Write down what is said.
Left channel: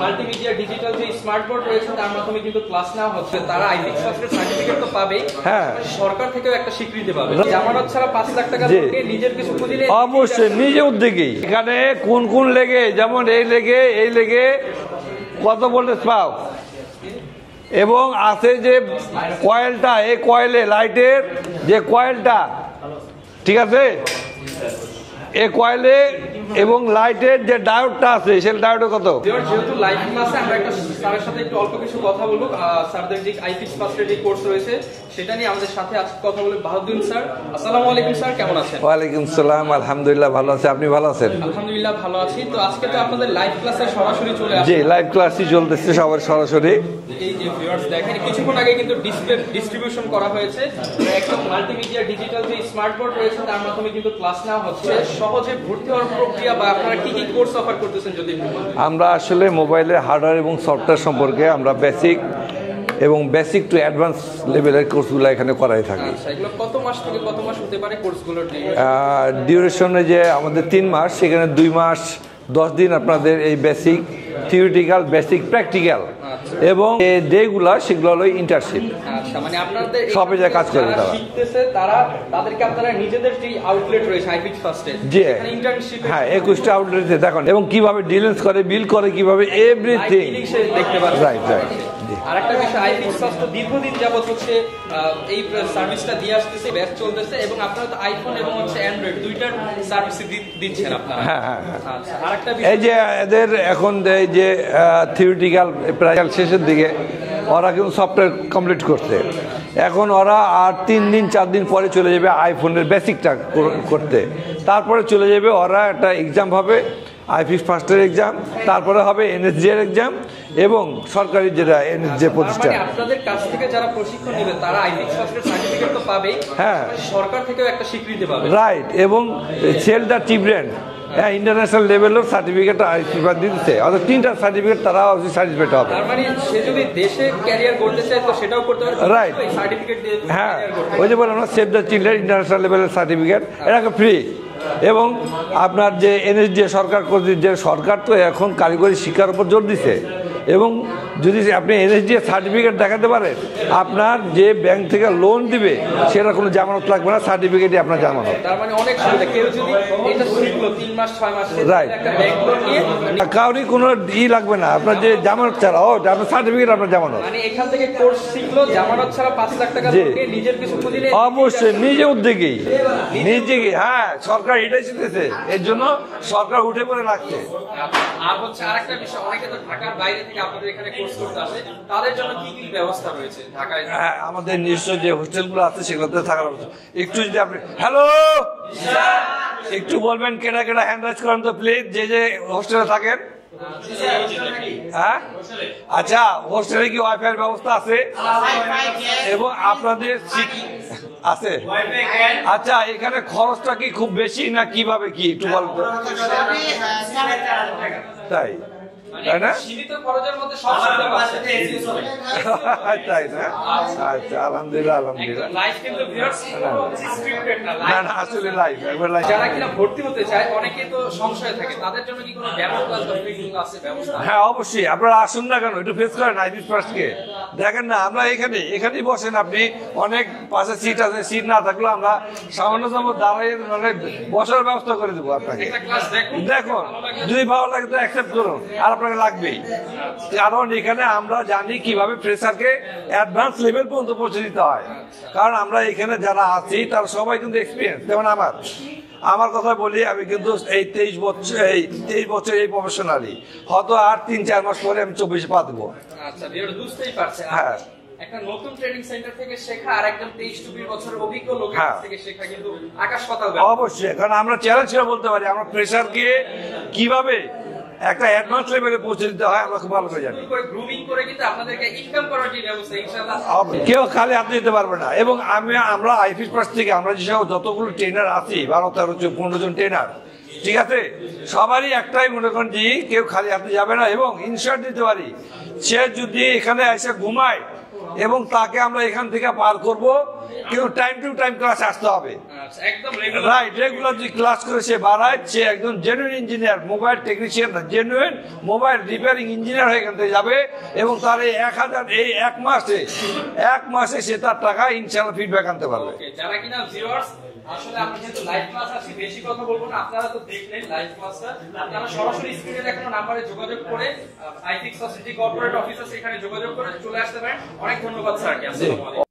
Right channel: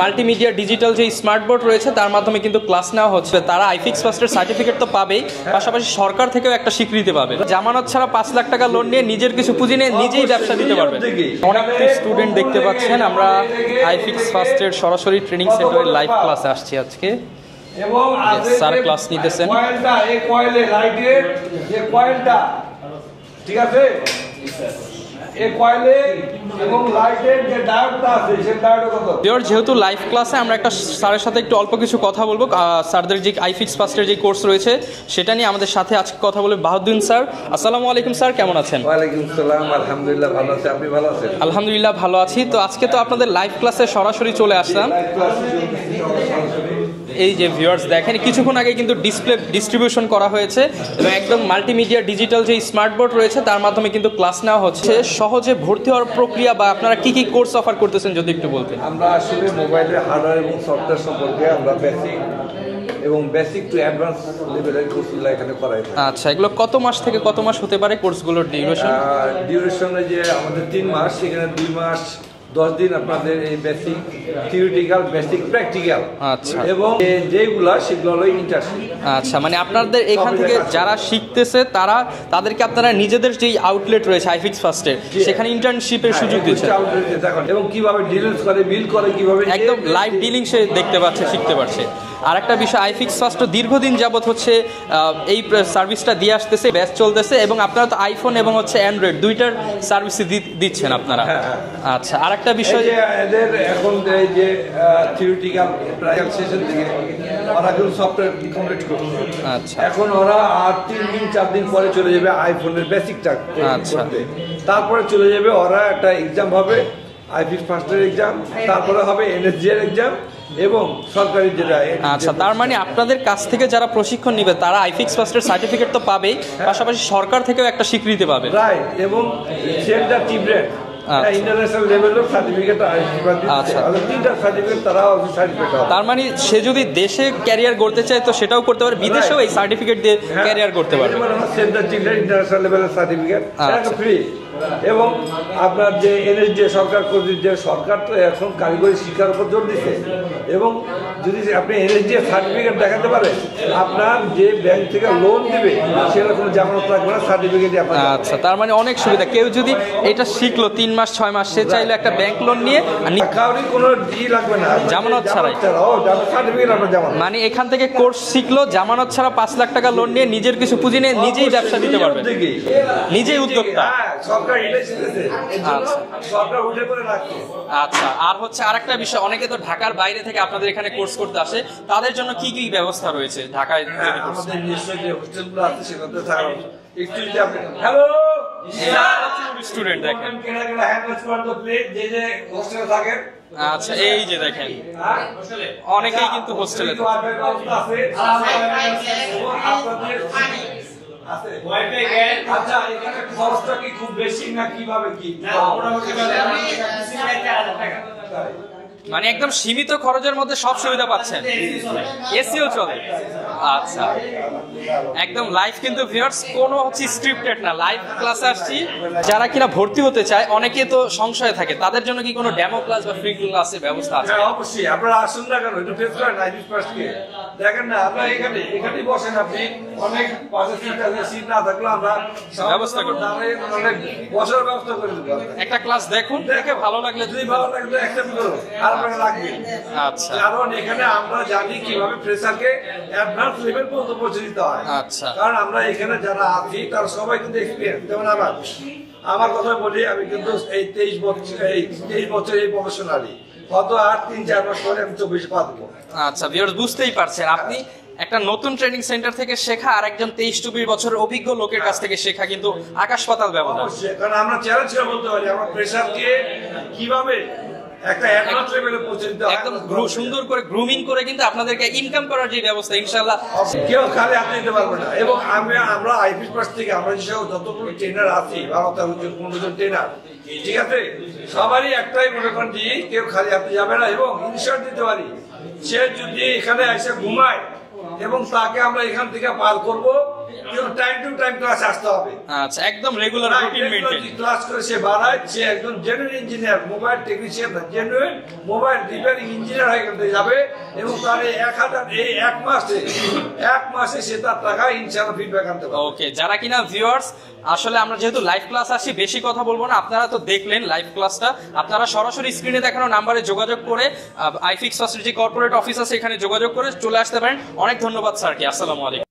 Multimedia digital যে smart board রয়েছে তার মাধ্যমে কিন্তু ক্লাস নেওয়া হচ্ছে। তারা আইফিক্স ফার্স্টের সার্টিফিকেট তো পাবেই, পাশাপাশি সরকার থেকেও একটা স্বীকৃতি পাবে। জামানত ছাড়া 5 লাখ টাকা লোন নিয়ে নিজের কিছু পুঁজি নিয়ে নিজেই ব্যবসা দিতে পারবে। স্টুডেন্ট দেখতে পাচ্ছেন, আমরা আইফিক্স ফার্স্টের সরাসরি ট্রেনিং সেন্টারে লাইভ ক্লাসে আসছি আজকে। এবং আছে যে কয়েলটা, এই কয়েলে লাইটের যে কয়েলটা, ঠিক আছে, এই কয়েলে এবং লাইটের যে ডায়োডটা আছে সেই ডায়োড কত? যেহেতু লাইভ ক্লাসে আমরা একটা স্যারের সাথে একটু অল্প কিছু কথা বলবো। স্যারদের যে আইফিক্স ফার্স্টের যে কোর্স রয়েছে সেটা নিয়ে আমাদের সাথে আজকে কথা বলবে বাহাউদ্দিন স্যার। আসসালামু আলাইকুম স্যার, কেমন আছেন? ওয়ালাইকুম আসসালাম, আলহামদুলিল্লাহ ভালো আছি। আপনি ভালো আছেন? আলহামদুলিল্লাহ ভালো আছি। তো আজকে তো আপনাদের লাইভ ক্লাসে সরাসরি চলে আসলাম। লাইভ ক্লাসই চলতেছে সবার সরাসরি। এই যে ভিউয়ার্স দেখেন, কিছুক্ষণ আগে কিন্তু ডিসপ্লে ডিস্ট্রিবিউশন করা হয়েছে এবং একদম মাল্টিমিডিয়া ডিজিটাল যে স্মার্ট বোর্ড রয়েছে তার মাধ্যমে কিন্তু ক্লাস নেওয়া হচ্ছে। সহজে ভর্তি হওয়ার প্রক্রিয়া বা আপনারা কি কি কোর্স অফার করতেছেন যদি একটু বলতেন। আমরা আসলে মোবাইলের হার্ডওয়্যার এবং সফটওয়্যার সম্পর্কে আমরা বেসিক টু অ্যাডভান্স লেভেলের কোর্সগুলো এখানে করাই থাকি। আচ্ছা, এগুলো কত মাস থেকে কত মাস হতে পারে কোর্সগুলোর ডিউরেশনে? যে আমাদের 3 মাস, সেখানে 2 মাস 10 দিন আপনাদের এই বেসিক থিওরিটিক্যাল, বেসিক প্র্যাকটিক্যাল, এবং যেগুলা সেগুলো হলো ইন্টার্নশিপ। আচ্ছা, মানে আপনাদের এখান থেকে যারা শিখতেছে তাদেরকে আপনারা নিজেদের যে আউটলেট রয়েছে আইফিক্স ফার্স্টে সেখানে ইন্টার্নশিপের সুযোগ দিচ্ছেন। আউটলেটে দেখুন এবং কিভাবে ডিলিংস করে, বিল করে, কিভাবে লাইভ ডিলিং সে দেখতে পাচ্ছে, শিখতে পারছে। আর একটা বিষয়, আইফিক্স ফার্স্ট দীর্ঘদিন যাবত হচ্ছে এই সার্ভিসটা দিয়ে আসতেছে, ব্যাচ চলতেছে, এবং আপনারা তো আইফোন এবং হচ্ছে অ্যান্ড্রয়েড দুইটার সার্ভিস দিচ্ছেন আপনারা। আচ্ছা, আর একটা বিষয়, এদের এখন যে থিওরিটিক্যাল প্র্যাকটিক্যাল শেষের দিকে ওরা কিন্তু সফটওয়্যার কমপ্লিট করতে, এখন ওরা আর 3 দিন 4 দিন পরে চলে যাবে আইফোনের বেসিকটা করতে। তারপরে চলে যাবে ওরা একটা এক্সাম হবে, আইফিক্স ফার্স্টের এক্সাম, তারপরে হবে এনএসজি এর এক্সাম এবং সরকারি যেটা। তার মানে আপনাদের কাছ থেকে যারা প্রশিক্ষণ নেবে তারা আইফিক্স ফার্স্টের সার্টিফিকেট তো পাবেই, পাশাপাশি সরকার থেকেও একটা স্বীকৃতি পাবে। রাইট, এবং সেলটা টিব্রেন্ড ইন্টারন্যাশনাল লেভেলের সার্টিফিকেট দিচ্ছে, আর 3টা সার্টিফিকেট তারা সার্টিফিকেট হবে। তার মানে সে যদি দেশে ক্যারিয়ার করতে চায় তো সেটাও করতে পারে, বিদেশেও এই সার্টিফিকেট দিয়ে ক্যারিয়ার করতে পারে। সেলটা টিব্রেন্ড ইন্টারন্যাশনাল লেভেলের সার্টিফিকেট, এটা ফ্রি। এবং আপনার যে এনএসডি সরকার, যে সরকার তো এখন কারিগরি শিক্ষার উপর জোর দিচ্ছে, এবং যদি আপনি এনএসডি সার্টিফিকেট দেখাতে পারেন, আপনার যে ব্যাংক থেকে লোন দিবে সেটা কোনো জামানত লাগবে না, সার্টিফিকেটই আপনার। আচ্ছা, তার মানে অনেক সুবিধা। কেউ যদি এটা শিখলো 3 মাস 6 মাস, সে চাইলে একটা ব্যাংক লোন নিয়ে কাউরি কোনো লাগবে না, জামানত ছাড়া সার্টিফিকেট আপনার জামানত। মানে এখান থেকে কোর্স শিখলো, জামানত ছাড়া 5 লাখ টাকা লোন নিয়ে নিজের কিছু পুঁজি নিয়ে নিজেই ব্যবসা দিতে পারবে, নিজেই উদ্যোক্তা। সরকার এটাই শিখতেছে, এর জন্য সরকার উঠে পড়ে রাখছে। আচ্ছা, আর হচ্ছে আরেকটা বিষয়, অনেকে তো ঢাকার বাইরে থেকে আপনাদের এখানে কোর্স করতে আসে, তাদের জন্য কি কি ব্যবস্থা রয়েছে ঢাকায়? আমাদের নিজস্ব যে হোস্টেলগুলো আছে সেগুলোতে থাকার একটু যদি আপনি হ্যালো একটু বলবেন, কেনা হ্যান্ড রাইজ করেন তো প্লিজ, যে হোস্টেলে থাকেন। আচ্ছা, এই যে দেখেন, আচ্ছা, হোস্টেলে কি ওয়াইফাই ব্যবস্থা আছে এবং আপনাদের আছে? আচ্ছা, এখানে খরচটা কি খুব বেশি না কিভাবে কি একটু তাই? মানে একদম সীমিত খরচের মধ্যে সব সুবিধা পাচ্ছেন, এসিও চলে। আচ্ছা, একদম লাইভ কিন্তু ভিউয়ার্স, কোনো হচ্ছে স্ক্রিপ্টেড না, লাইভ ক্লাসে আসছি। যারা কিনা ভর্তি হতে চায়, অনেকে তো সংশয় থাকে, তাদের জন্য কি কোনো ডেমো ক্লাস বা ফ্রি ক্লাসের ব্যবস্থা আছে? হ্যাঁ, অবশ্যই। আপনারা আসুন না কেন, একটু ফেস করেন আইফিক্স ফার্স্টকে, দেখেন না, আমরা এখানেই বসেন, আপনি অনেক পাশে সিট আছে, সিট না থাকলে আমরা দাঁড়িয়ে বসার ব্যবস্থা করে দেবো। একটা ক্লাস দেখুন, দেখে ভালো লাগলে, যদি ভালো লাগে তো অ্যাকসেপ্ট করো, আর আপনাকে লাগবেই। কারণ এখানে আমরা জানি কিভাবে ফ্রেশারকে অ্যাডভান্স লেভেল পর্যন্ত পৌঁছে দিতে হয়। কারণ আমরা এখানে যারা আছি তারা সবাই কিন্তু এক্সপিরিয়েন্স। যেমন আমার কথা বলি, আমি কিন্তু এই 23 বছর এই প্রফেশনালি, হয়তো আর 3-4 মাস পরে আমি 24 পা দেবো। আচ্ছা, বুঝতেই পারছেন, আপনি একটা নতুন ট্রেনিং সেন্টার থেকে শেখা আর একজন 23-24 বছরের অভিজ্ঞ লোকের কাছ থেকে শেখা কিন্তু আকাশ পাতাল ব্যাপার। অবশ্যই, কারণ আমরা চ্যালেঞ্জ বলতে পারি আমরা ফ্রেশারকে কিভাবে একটা অ্যাডভান্স লেভেলে পৌঁছে দিতে হয়, সুন্দর করে গ্রুমিং করে কিন্তু আপনাদেরকে ইনকাম করার যে ব্যবস্থা, ইনশাআল্লাহ কেউ খালি হাতে দিতে পারবে না। এবং আমরা আইফিক্স ফার্স্ট থেকে আমরা যেসব যতগুলো ট্রেনার আছি, 12-15 জন ট্রেনার, ঠিক আছে, সবারই একটাই মনে করেন যে কেউ খালি হাতে যাবে না, এবং ইনশার্ট দিতে পারি, সে যদি এখানে এসে ঘুমায় এবং তাকে আমরা এখান থেকে পার করব কিন্তু টাইম টু টাইম ক্লাস আসতে হবে। আচ্ছা, একদম রেগুলার ক্লাস করে সে বাড়ায়, সে একজন জেনুইন ইঞ্জিনিয়ার, মোবাইল টেকনিশিয়ান না, জেনুইন মোবাইল রিপেয়ারিং ইঞ্জিনিয়ার হয়ে গেলে যাবে এবং তার এই 1000 এই এক মাসে সে তার টাকা ইনশাআল্লাহ ফিডব্যাক আনতে পারবে। ওকে, যারা কিনা ভিউয়ার্স, আসলে আমরা যেহেতু লাইভ ক্লাস আসি, বেশি কথা বলবো না, আপনারা তো দেখলেন লাইভ ক্লাসটা, আপনারা সরাসরি স্ক্রিনে দেখানো নাম্বারে যোগাযোগ করে আইফিক্স ফার্স্টের যে কর্পোরেট অফিস আছে এখানে যোগাযোগ করে চলে আসতে পারেন। অনেক ধন্যবাদ স্যারকে, আসসালামু আলাইকুম।